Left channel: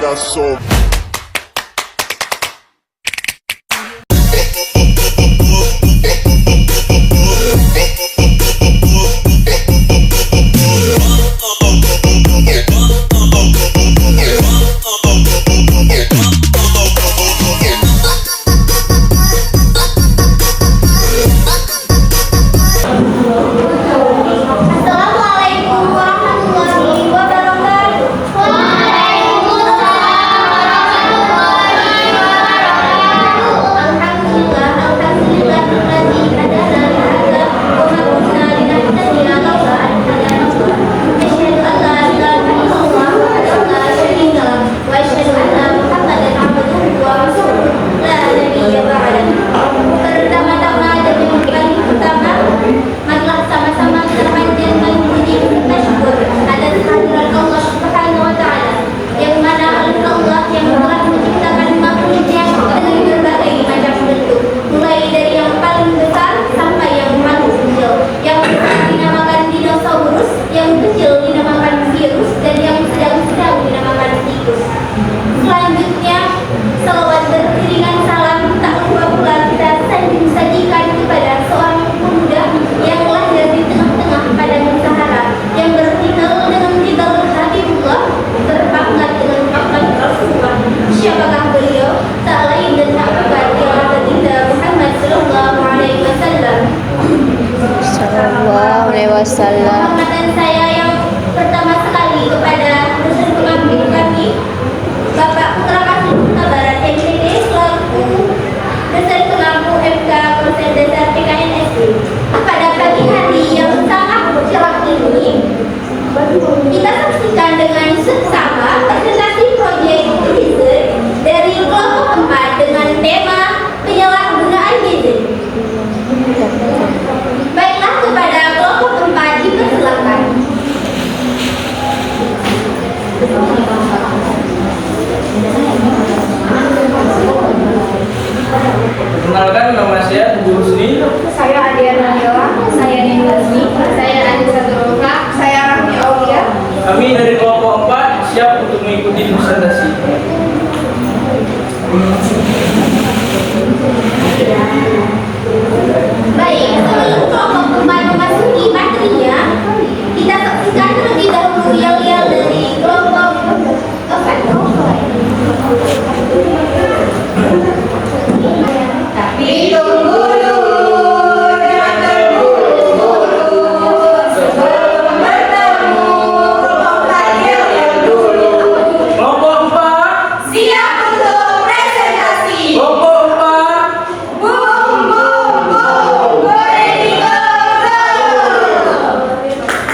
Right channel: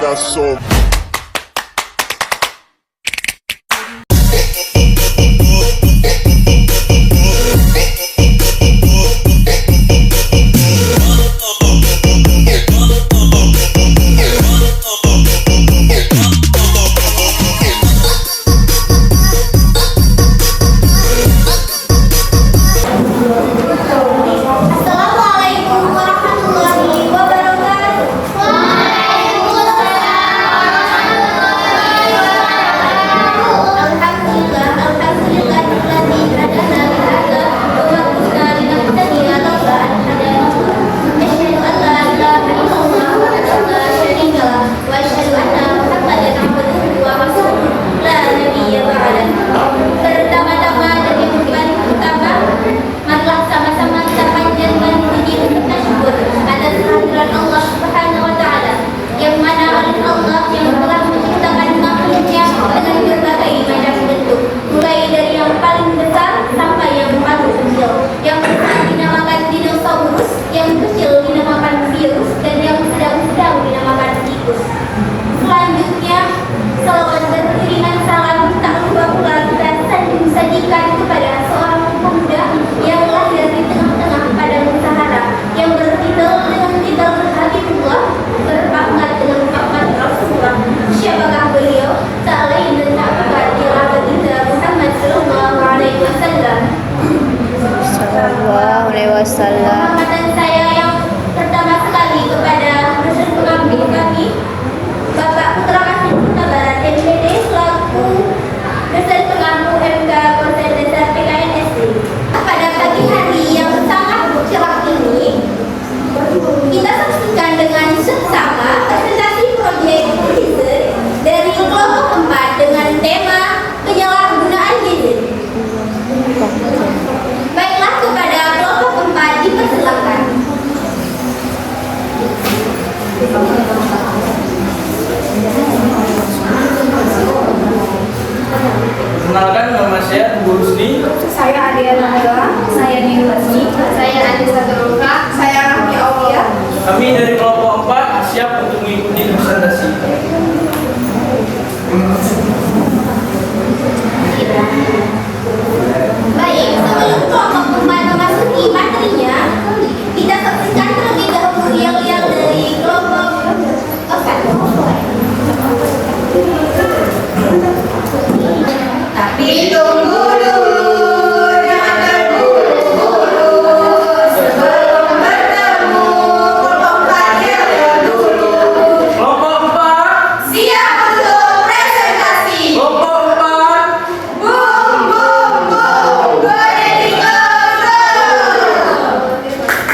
got so. Wasallam. Penghormatan saya yang pertama sekali kepada dosen pengambil kami, Bapak Putra Kasih Barat MPD selaku dosen pengampu MK Konsen Dasar PKNSD. Pada pagi hari yang sangat cerah ini, kita saksikan dengan seksama presentasi proyek riset dari kelompok 4 dengan tema penyalahgunaan gadget. Baiklah, kepada kelompok 4 dipersilakan. Perkenalkan, nama saya Bu Husni. Saya Adiana Nila, saya Nini Lasmi, Saya Anissa Turuka. saya Rahmi Aulia. Kami dari kelompok 4 siap untuk mengikuti presentasi. Baik, sebelum kelompok 4 memasuki materinya, kita saksikan terlebih dahulu yel-yel dari kelompok 4. Tapi tunggu dulu, jangan terburu-buru sebelum bertemu kelompok kalian dulu. Kelompok 4, Siap untuk presentasi. kelompok 4. Boom, boom, boom, ready go, go.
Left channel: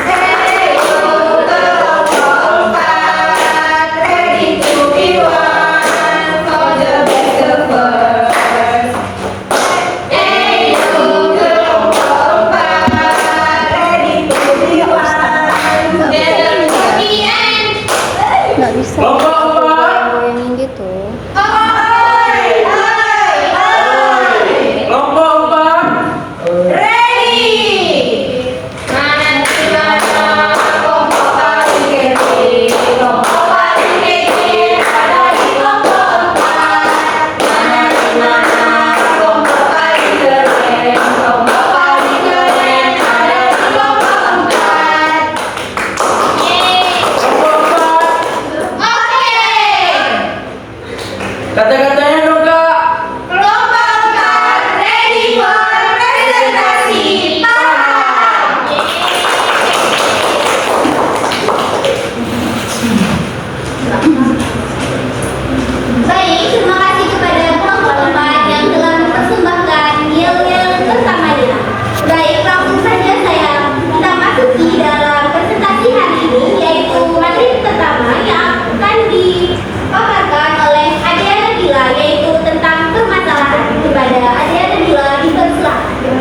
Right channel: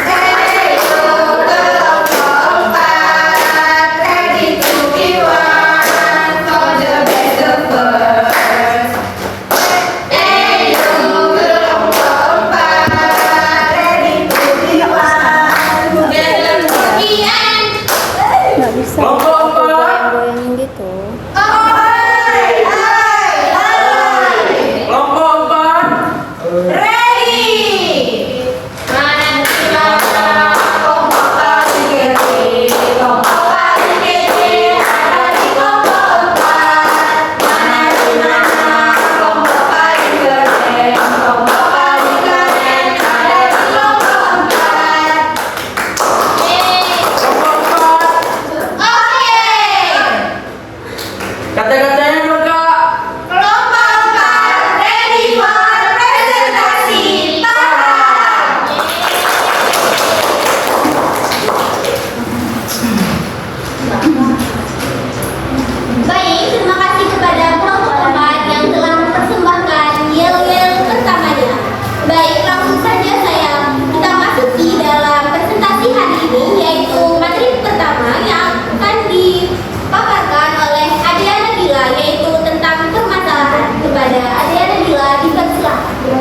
Hey, go, kelompok 4, ready to be one for the best of us. Hey, go, kelompok 4, ready to be one together to the end. Nggak bisa Kelompok 4. goyang-goyangin gitu. Hai, hai, hai. Kelompok 4. Ready. Mana kelompok paling kiri, kelompok paling kiri ada di kelompok 4. Mana kelompok paling keren, kelompok paling keren ada di kelompok 4. Yeay. Kelompok 4. Oke. Kata-katanya dong, Kak. Kelompok 4 ready for presentasi. Para. Baik, terima kasih kepada kelompok 4 yang telah mempersembahkan yel-yel pertamanya. Baik, langsung saja kita masuki dalam presentasi hari ini, yaitu materi pertama yang akan dipaparkan oleh Adiana Gila, yaitu tentang permasalahan. Kepada Adiana Gila dipersilakan.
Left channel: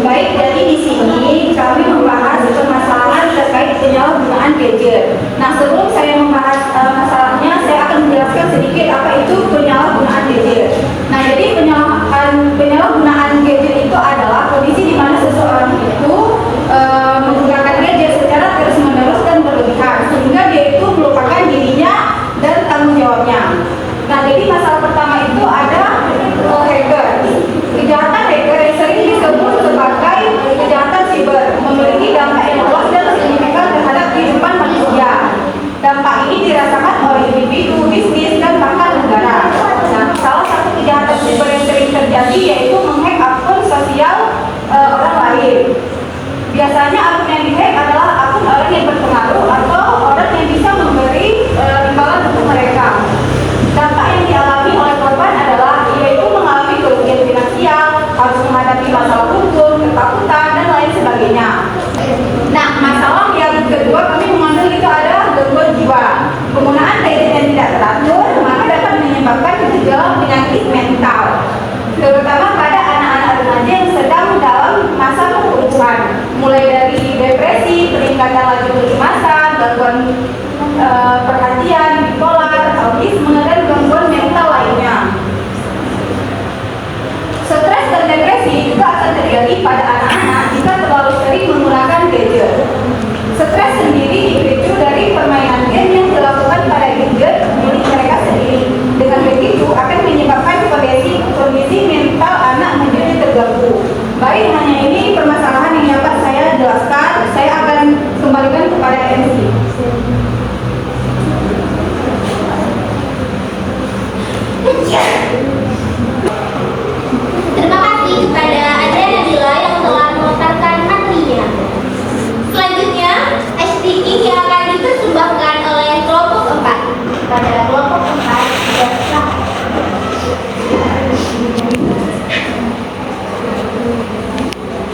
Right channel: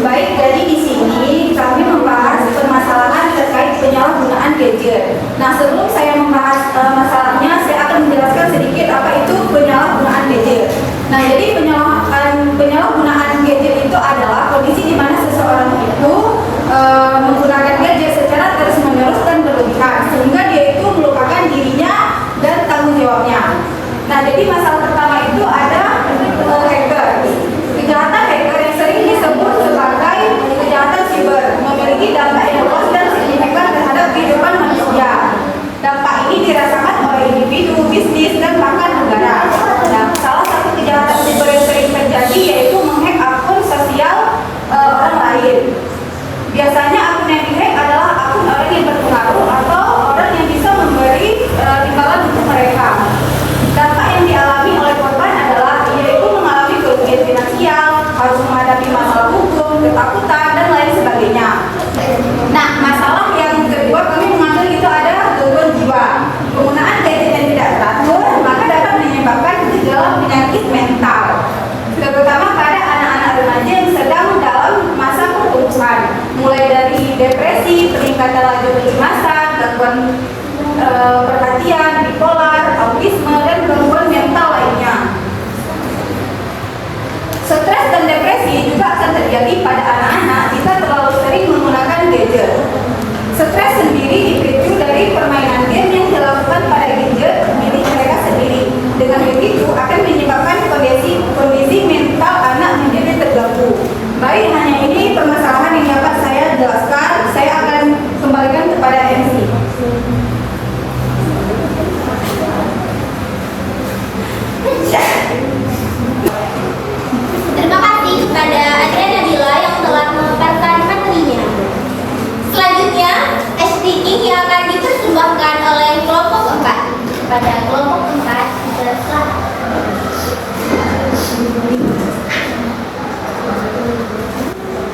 Baik, jadi di sini kami membahas permasalahan terkait penyalahgunaan gadget. Nah, sebelum saya membahas masalahnya, saya akan menjelaskan sedikit apa itu penyalahgunaan gadget. Nah, jadi penyalahgunaan gadget itu adalah kondisi di mana seseorang itu menggunakan masalah hukum, ketakutan, dan lain sebagainya. Nah, masalah yang kedua kami mengambil itu ada gangguan jiwa. Penggunaan gadget yang tidak teratur maka dapat menyebabkan gejala penyakit mental, terutama pada anak-anak remaja yang sedang dalam masa pertumbuhan, mulai dari depresi, peningkatan laju kecemasan, gangguan perhatian, bipolar, autisme, dan gangguan mental lainnya. Stres dan depresi juga akan terjadi pada anak-anak jika terlalu sering menggunakan gadget. Stres sendiri dipicu dari permainan game yang dilakukan pada gadget milik mereka sendiri. Dengan begitu akan menyebabkan kondisi mental anak menjadi terganggu. Baik, hanya ini permasalahan yang dapat saya jelaskan. Saya akan kembalikan kepada MC. Terima kasih kepada Adriana Nabila yang telah memaparkan materinya. Selanjutnya, SD King yang akan dipersembahkan oleh kelompok 4. Pada kelompok 4 ada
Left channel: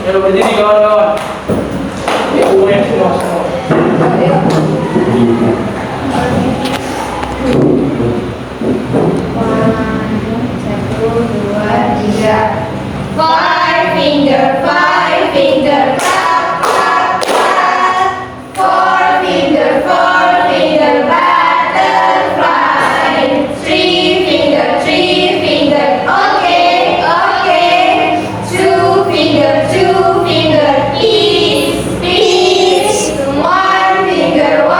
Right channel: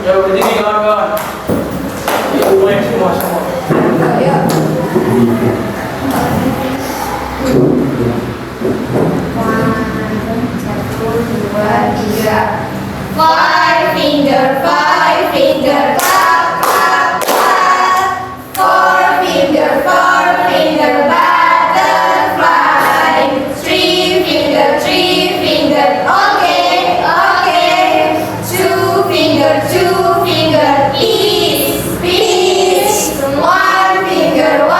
Ya, berdiri kawan-kawan. Semuanya semua. Five finger, clap, clap, clap. Four finger, butterfly. Three finger, okay, okay. Two finger, peace, peace. One finger.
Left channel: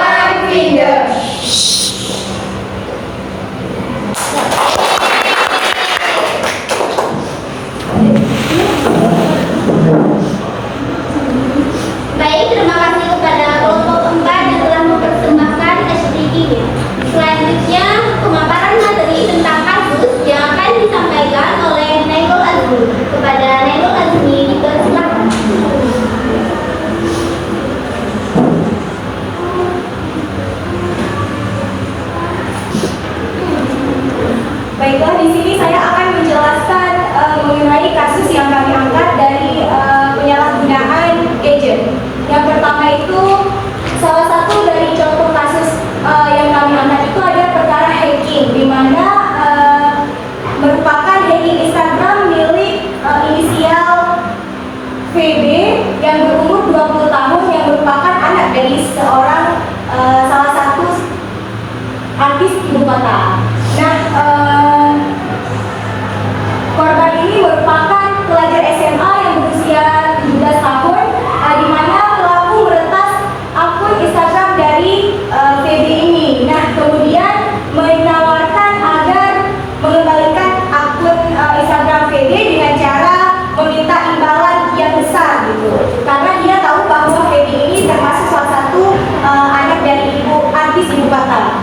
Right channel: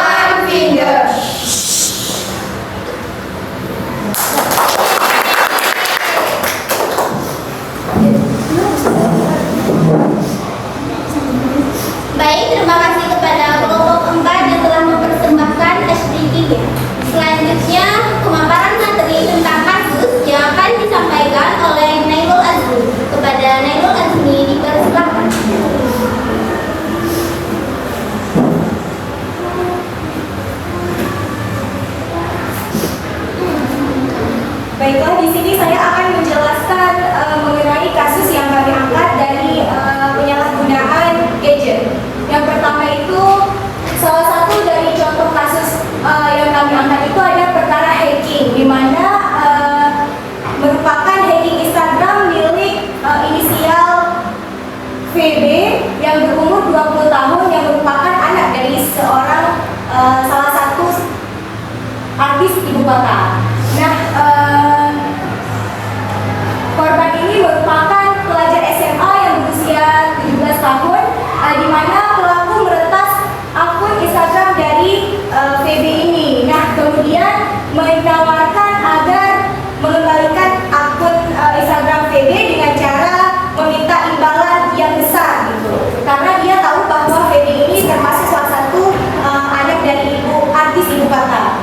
Baik, terima kasih kepada kelompok 4 yang telah mempersembahkan SD King. Selanjutnya, pemaparan materi tentang kasus yang akan disampaikan oleh Nailul Azmi. Kepada Nailul Azmi dipersilakan. Baiklah, di sini saya akan menjelaskan mengenai kasus yang kami angkat dari penyalahgunaan gadget. Yang pertama itu salah satu dari contoh kasus yang kami angkat itu ada perkara hacking, di mana merupakan hacking Instagram milik inisial VB yang berumur 20 tahun yang merupakan anak dari seorang salah satu artis ibu kota. Nah, korban ini merupakan pelajar SMA yang berusia 17 tahun, di mana pelaku meretas akun Instagram dari VB ini. Nah, kemudian menawarkan agar mengembalikan akun Instagram VB dengan cara meminta imbalan yang besar gitu. Karena dia tahu bahwa VB ini termasuk salah satu anak dari artis ibu kota.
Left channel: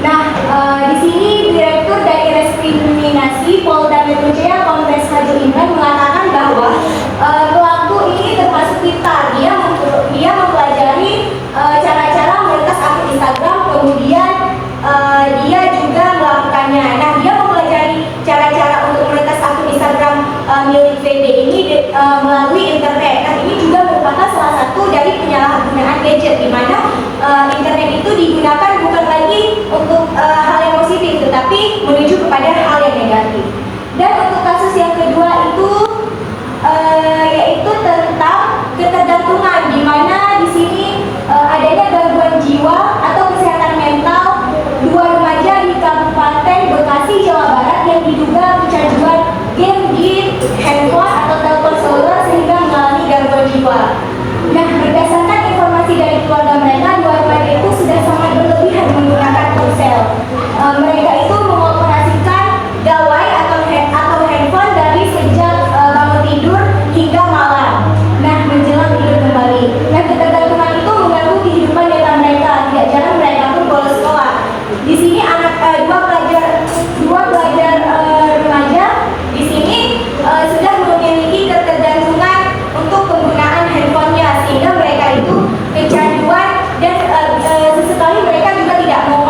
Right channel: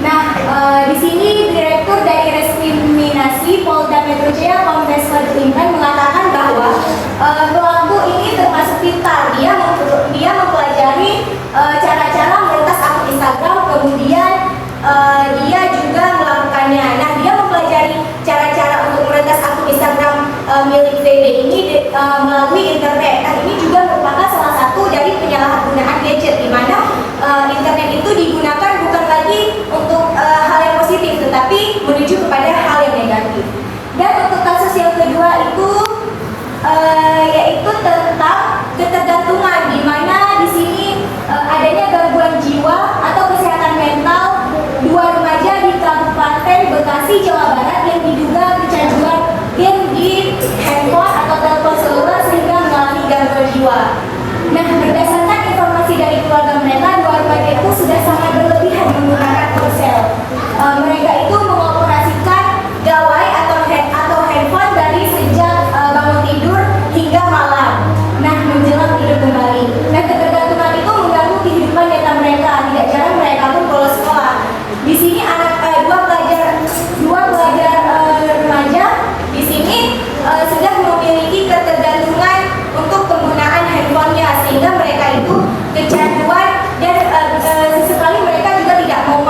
Nah, di sini Direktur dari Reskriminasi Polda Metro Jaya Kombes Fadil Imran mengatakan bahwa pelaku ini termasuk pintar. Dia mempelajari cara-cara meretas akun Instagram, kemudian dia juga melakukannya. Nah, dia mempelajari cara-cara untuk meretas akun Instagram milik VB ini melalui internet. Nah, ini juga merupakan salah satu dari penyalahgunaan gadget, di mana internet itu digunakan bukan lagi untuk hal yang positif, tetapi menuju kepada hal yang negatif. Dan untuk kasus yang kedua itu yaitu tentang ketergantungan, di mana di sini adanya gangguan jiwa atau kesehatan mental dua remaja di Kabupaten Bekasi, Jawa Barat yang diduga kecanduan game di handphone atau telepon seluler sehingga mengalami gangguan jiwa. Nah, berdasarkan informasi dari keluarga mereka, dua remaja itu sudah sangat berlebihan menggunakan ponsel. Mereka itu mengoperasikan gawai atau handphone dari sejak bangun tidur hingga malam. Nah, menjelang tidur kembali. Nah, ketergantungan itu mengganggu kehidupan nyata mereka. Tidak jarang mereka pun bolos sekolah. Di sini dua pelajar remaja di sini sudah memiliki ketergantungan untuk penggunaan handphonenya, sehingga mereka itu kecanduan dan sesekali mereka juga tidak mau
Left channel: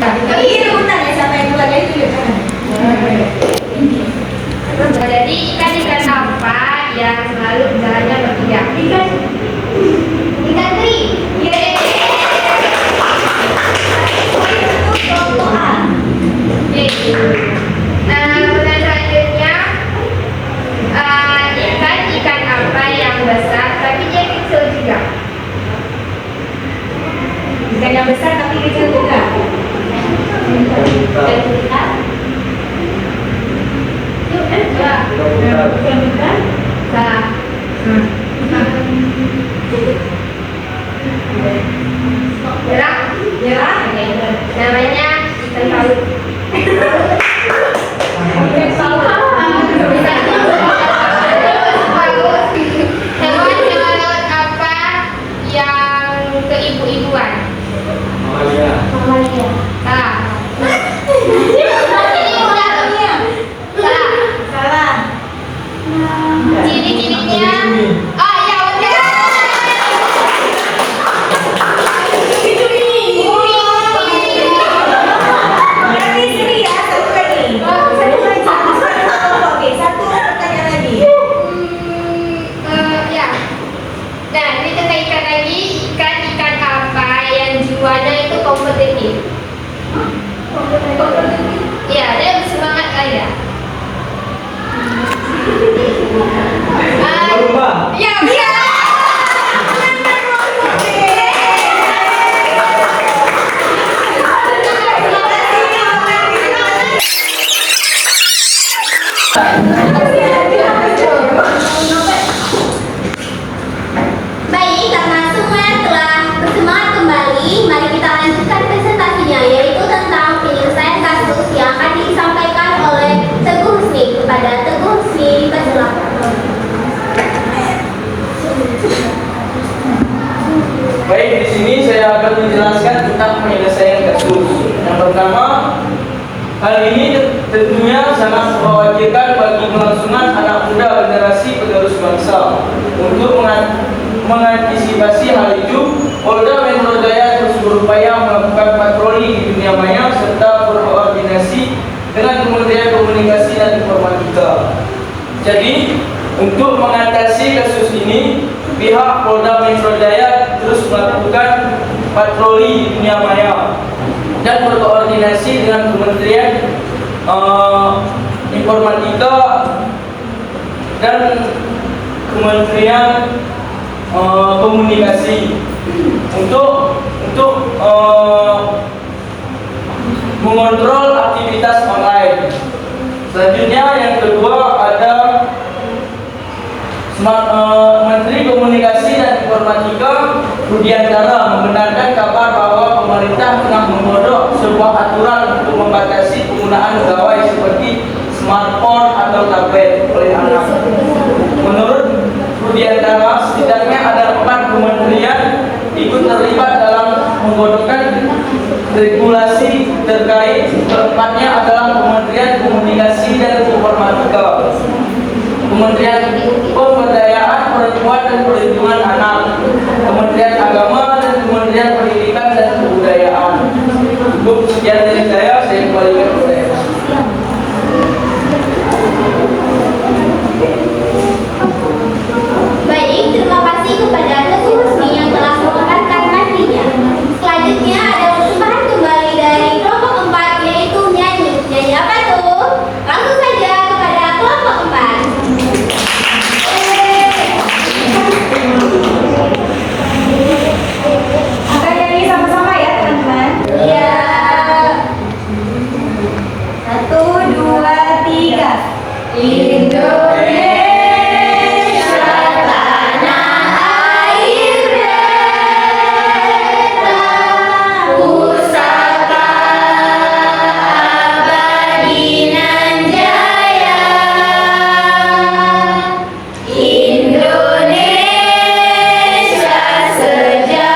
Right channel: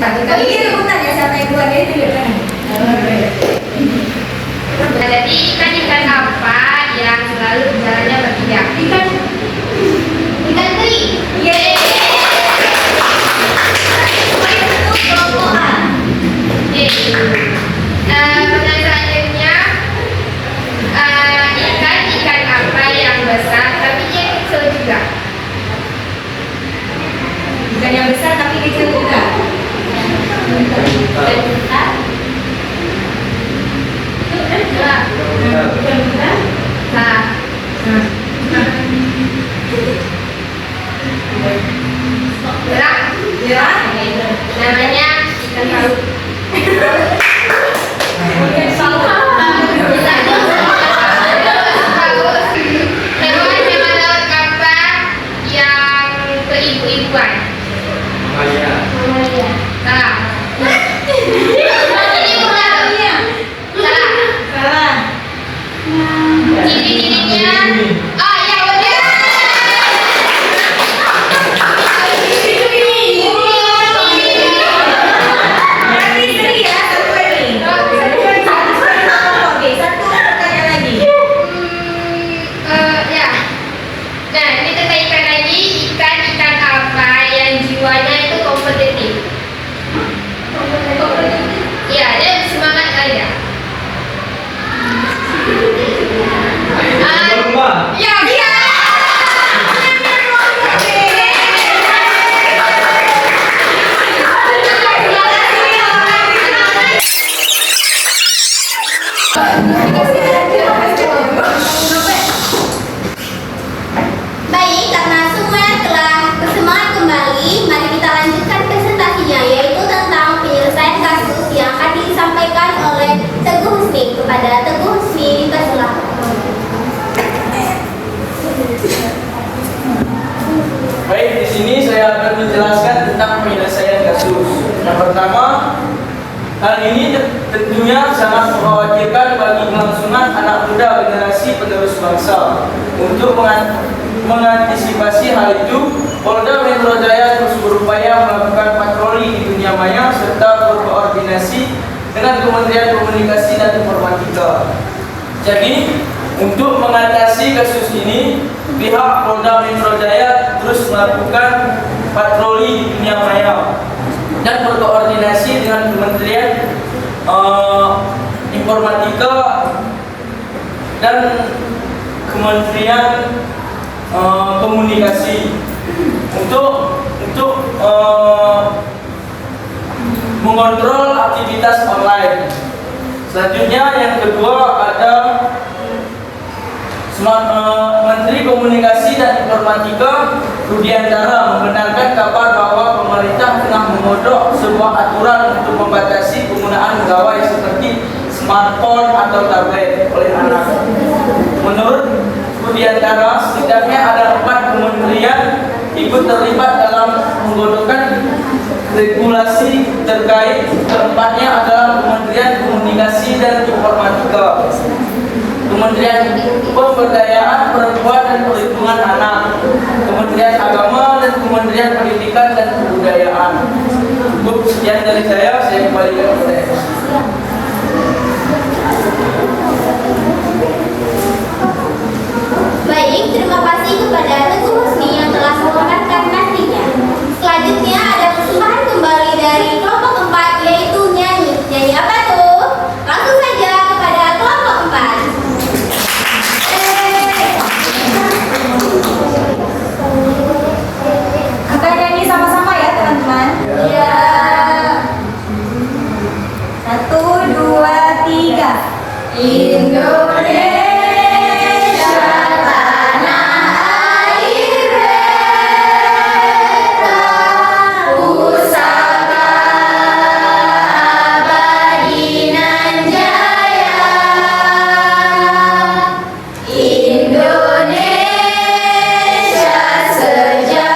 Ini rebutan ya, siapa yang duluan ya tunjuk tangan. Nah, jadi ikan-ikan apa yang selalu jalannya bertiga? Ikan teri. Yeay. Kelompokan. Pertanyaan selanjutnya, ikan apa yang besar tapi dia kecil juga? Ikan yang besar tapi kecil juga. Nah, Jerah. namanya ikan paus. Hewan laut apa yang keibu-ibuan? Mamalia. Salah. Ini mudah loh. Salah. Ciri-cirinya. Oh iya benar. Berarti Sri ya, satu lagi. Oke, satu pertanyaan lagi. Ya. Nah, ini tentang ikan lagi. Ikan apa yang jiwanya itu kompetitif? Iya, dia semangat kali ya. Lumba. Ya, bisa. Baik, karena semua telah bersemangat kembali, mari kita lanjutkan presentasinya, yaitu tentang penyelesaian kasus yang akan disampaikan oleh Teguh Husni. Kepada Teguh Husni, dipersilakan. Baik, di sini saya akan menjelaskan tentang penyelesaian kasus. Yang pertama, hal ini tentunya sangat mengkhawatirkan bagi kelangsungan anak muda generasi penerus bangsa. Untuk mengantisipasi hal itu, Polda Metro Jaya terus berupaya melakukan patroli di dunia maya serta berkoordinasi dengan Kementerian Komunikasi dan Informatika. Jadi, untuk mengatasi kasus ini, pihak Polda Metro Jaya terus melakukan patroli di dunia maya dan berkoordinasi dengan Kementerian Informatika dan Kementerian Komunikasi untuk mengontrol aktivitas online. Selanjutnya yang kedua ada Menteri Komunikasi dan Informatika Rudiantara membenarkan kabar bahwa pemerintah tengah menggodok sebuah aturan untuk membatasi penggunaan gawai seperti smartphone atau tablet oleh anak. Menurut Rudiantara, setidaknya ada 4 kementerian ikut terlibat dalam menggodokkan regulasi terkait. Keempatnya adalah Kementerian Komunikasi dan Informatika, Kementerian Pemberdayaan Perempuan dan Perlindungan Anak, Kementerian Agama, dan Kementerian Pendidikan dan Kebudayaan. Cukup sekian dari saya kembalikan kepada MC. Baik, terima kasih kepada Teguh Husni yang telah memaparkan materinya. Selanjutnya ada persembahan kembali dari kelompok 4, yaitu nyanyi. Nyanyi apa tuh? Langsung saja kepada kelompok 4. Akan nyanyi sama-sama ya teman-teman. Iya. 1, 2, 3. Indonesia. Puja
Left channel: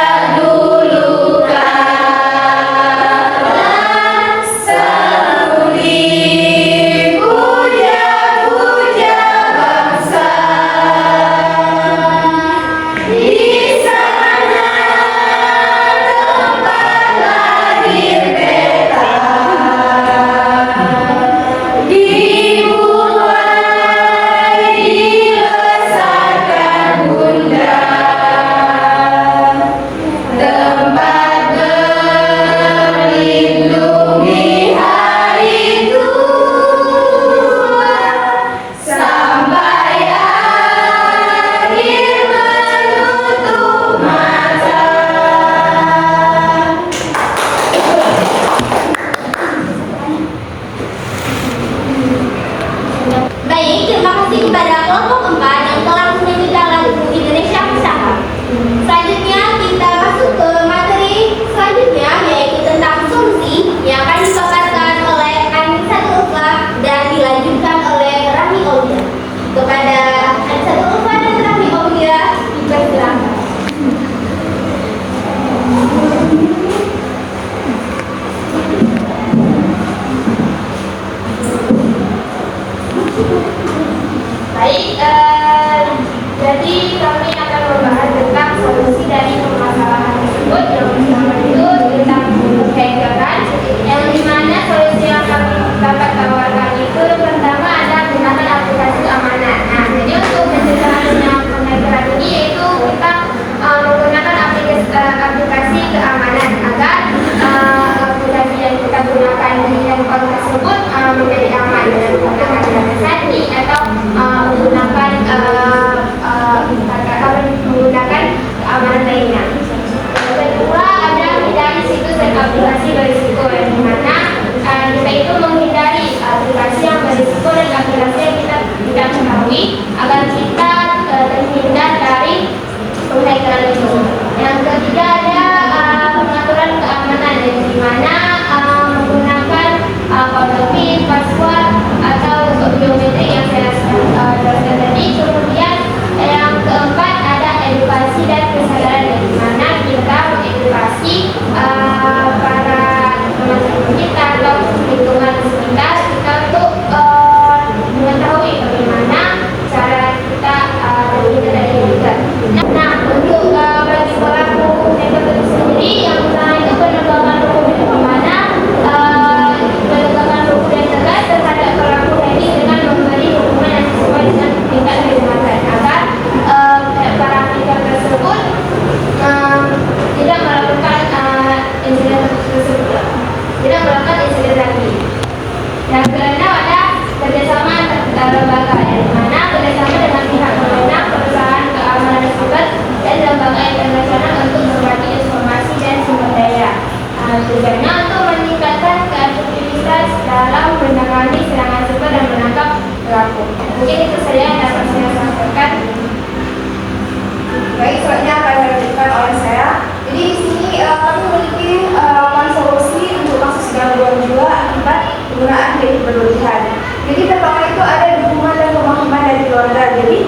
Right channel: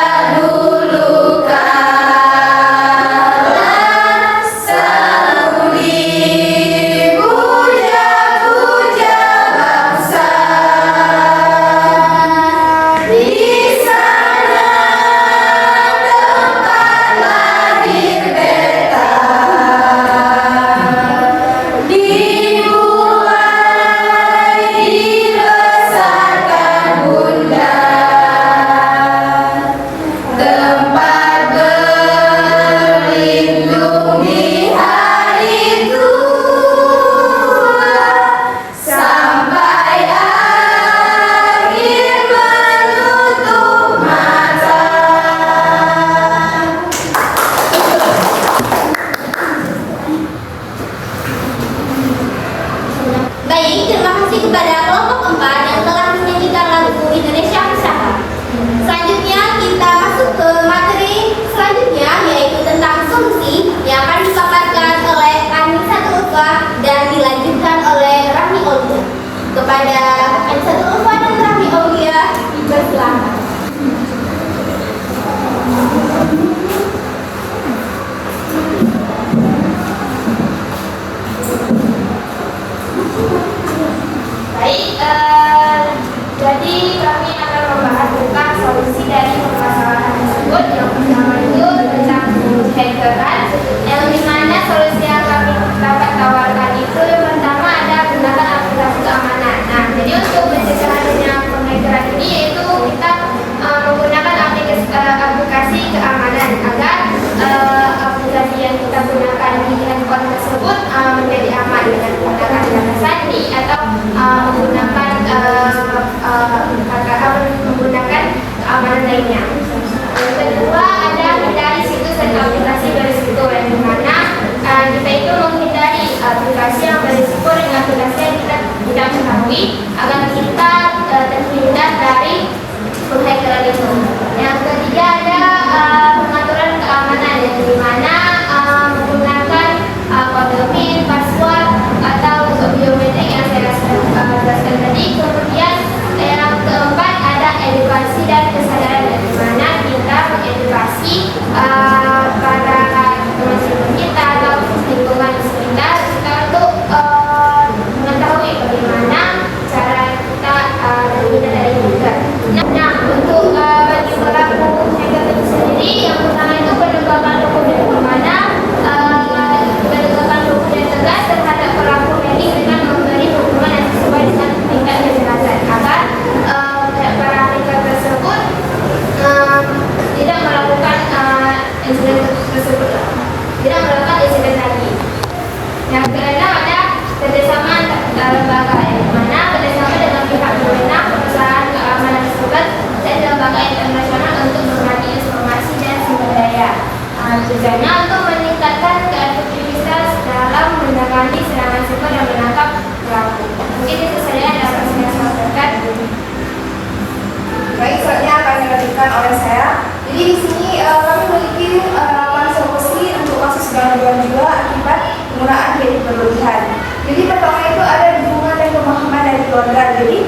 penggunaan gadget berlebihan. Jadi pertama itu ada dukungan dan pemahaman dari keluarga. Jadi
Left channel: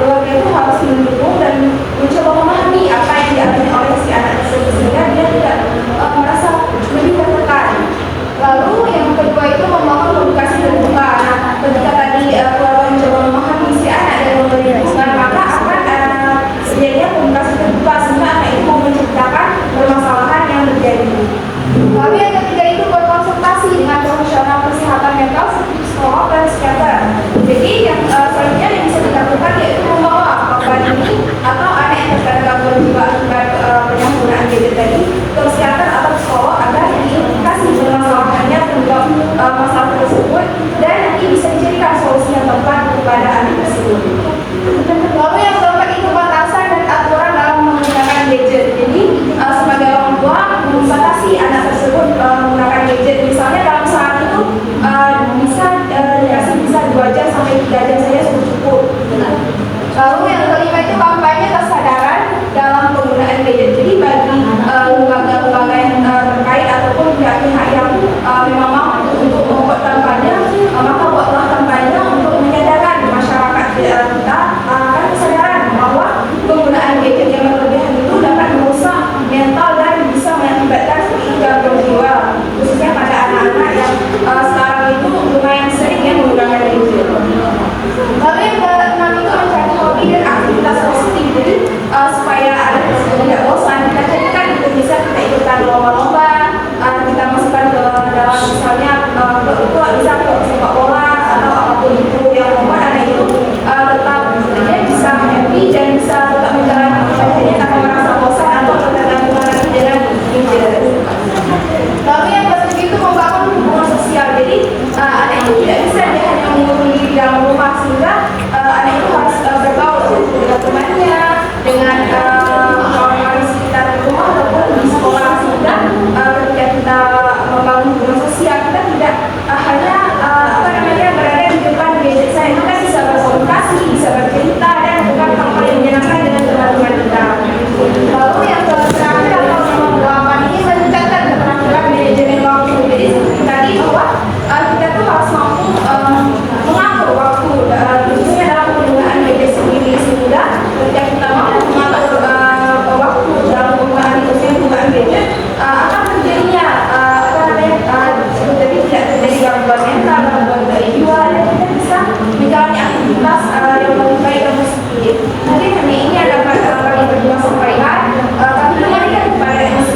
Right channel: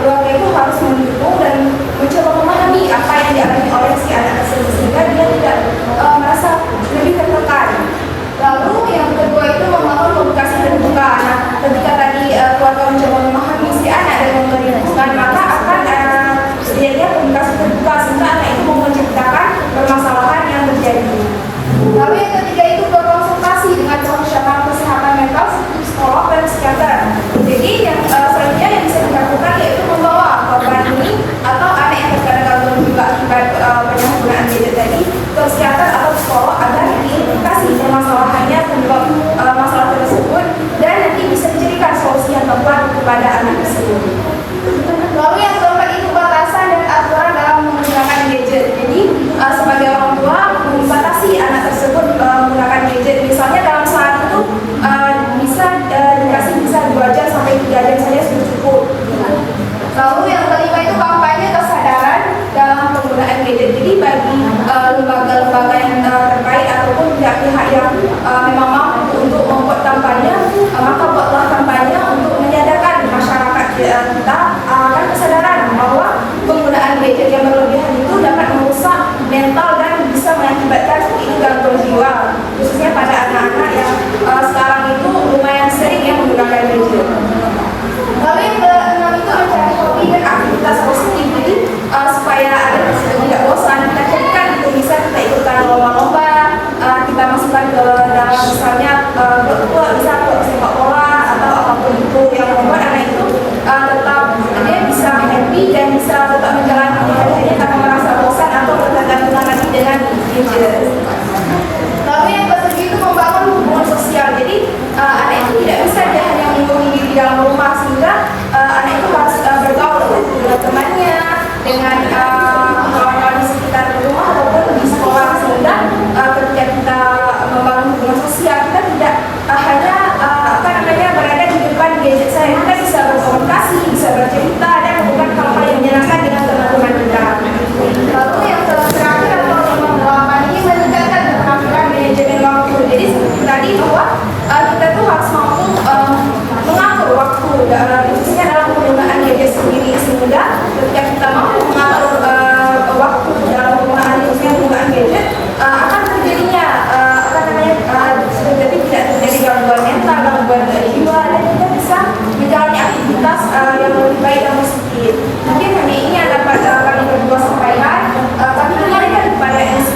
keluarga itu harus mendukung dan mencoba memahami apa yang dialami oleh si anak tersebut sehingga dia tidak merasa lebih tertekan. Lalu yang kedua itu membangun komunikasi terbuka. Nah, ketika tadi keluarga mencoba memahami si anak dan memberi dukungan, maka akan sedianya komunikasi terbuka sehingga anak itu mau menceritakan permasalahan yang terjadi. Lalu yang ketiga itu berkonsultasi dengan profesional kesehatan mental seperti psikolog dan psikiater. Jadi yang selanjutnya yang bisa dilakukan yaitu membawa korban ini atau anak yang terkena gangguan jiwa akibat penyalahgunaan gadget tadi ke psikiater atau psikolog agar diidentifikasi permasalahannya penyebab masalah tersebut dan nanti bisa dicarikan solusi yang tepat kepada anak tersebut. Lalu yang keempat itu batasan dan aturan dalam menggunakan gadget. Jadi sebagai orang tua membatasi anak tersebut menggunakan gadget. Misalnya dalam saat itu bisa dikasih bisa 2 jam sampai 3 jam saja sudah cukup. Lalu yang kelima itu kampanye kesadaran dalam penggunaan gadget. Jadi bagi lembaga-lembaga yang terkait ataupun pihak-pihak yang memang mampu untuk membuat kampanye, maka buatlah kampanye untuk menyadarkan masyarakat kita akan kesadaran bahwa penggunaan gadget yang berlebihan itu dapat merusak mental dan bisa mengakibatkan gangguan jiwa, khususnya pada anak-anak yang sekarang itu lumayan sering ya menggunakan gadget. Lalu yang keenam itu mencari hobi dan aktivitas positif. Jadi supaya anak tersebut tidak bosan, kita carikan itu bisa kita ikutan lomba-lomba, kita masukkan ke dalam misalnya klub bisa klub sepak bola atau apapun itu yang membuat anak itu tetap dia bisa happy dan bisa tetap menjalani ibadahnya tanpa merasa bosan atau terganggu lagi dengan gadget. Lalu yang ketiga itu membangun hubungan sosial. Jadi anak itu tidak bisa dia hanya mengurung diri dalam rumah sehingga anak itu harus bergaul dengan temannya, dengan kawan-kawan di sekitar rumah ataupun di sekolah sehingga ketika kita membangun hubungan sosial kita tidak hanya berada di depan gadget saya, kita bisa berkomunikasi, bisa bercerita dan melakukan hal-hal yang menyenangkan dengan teman-teman kita. Lalu yang terakhir atau nomor 8 ini meningkatkan keterampilan manajemen waktu. Jadi seperti tadi bahwa kita tuh harus mampu mengatur waktu, khususnya dalam penggunaan gadget sendiri sehingga ketika kita mampu mengatur waktu dalam penggunaan gadget akan terjadinya jadi tidak terjadi gangguan mental, gangguan jiwa dan kita bisa menjalani aktivitas yang lebih baik dan positif. Mungkin hanya ini yang dapat kami berdua sampaikan. Kami kembalikan kepada MC.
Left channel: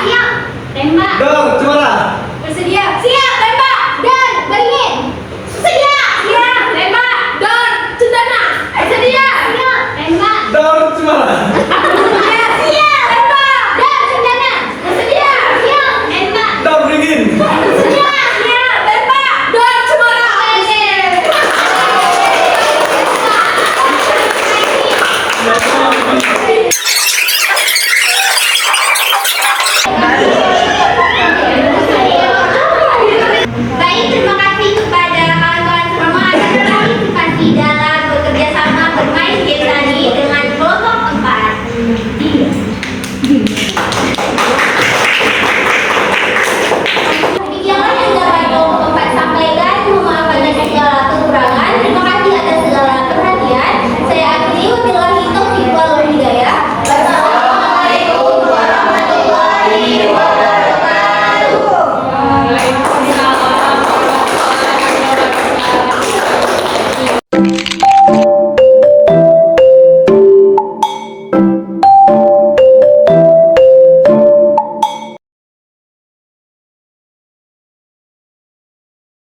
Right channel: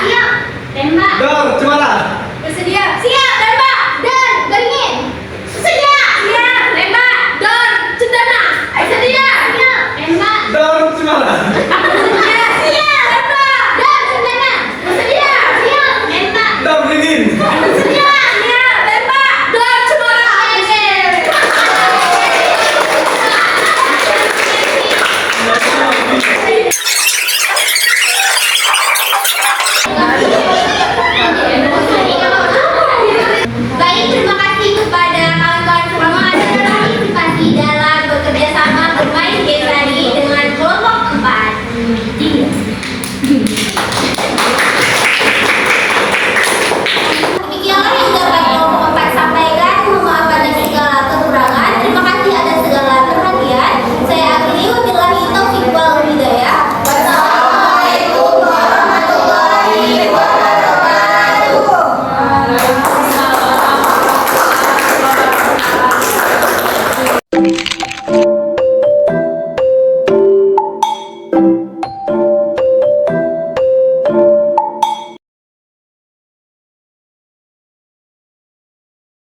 Siap. Tembak. Dor, cemara. Bersedia. Siap. Tembak. Dan beringin. Bersedia. Siap. Tembak. Dan cendana. Bersedia. Siap. Tembak. Dor, cemara. Bersedia. Siap. Tembak. Dan cendana. Bersedia. Siap. Tembak. Dor, dingin. Bersedia. Siap. Tembak. Dan cemara. Baik, terima kasih kepada kawan-kawan semua atas partisipasi dalam bekerja sama bermain game tadi dengan kelompok 4. Iya. Demikianlah yang dapat kelompok 4 sampaikan. Mohon maaf atas segala kekurangan. Terima kasih atas segala perhatian. Saya akhiri, wabillahi taufiq wal hidayah. Wassalamualaikum warahmatullahi wabarakatuh.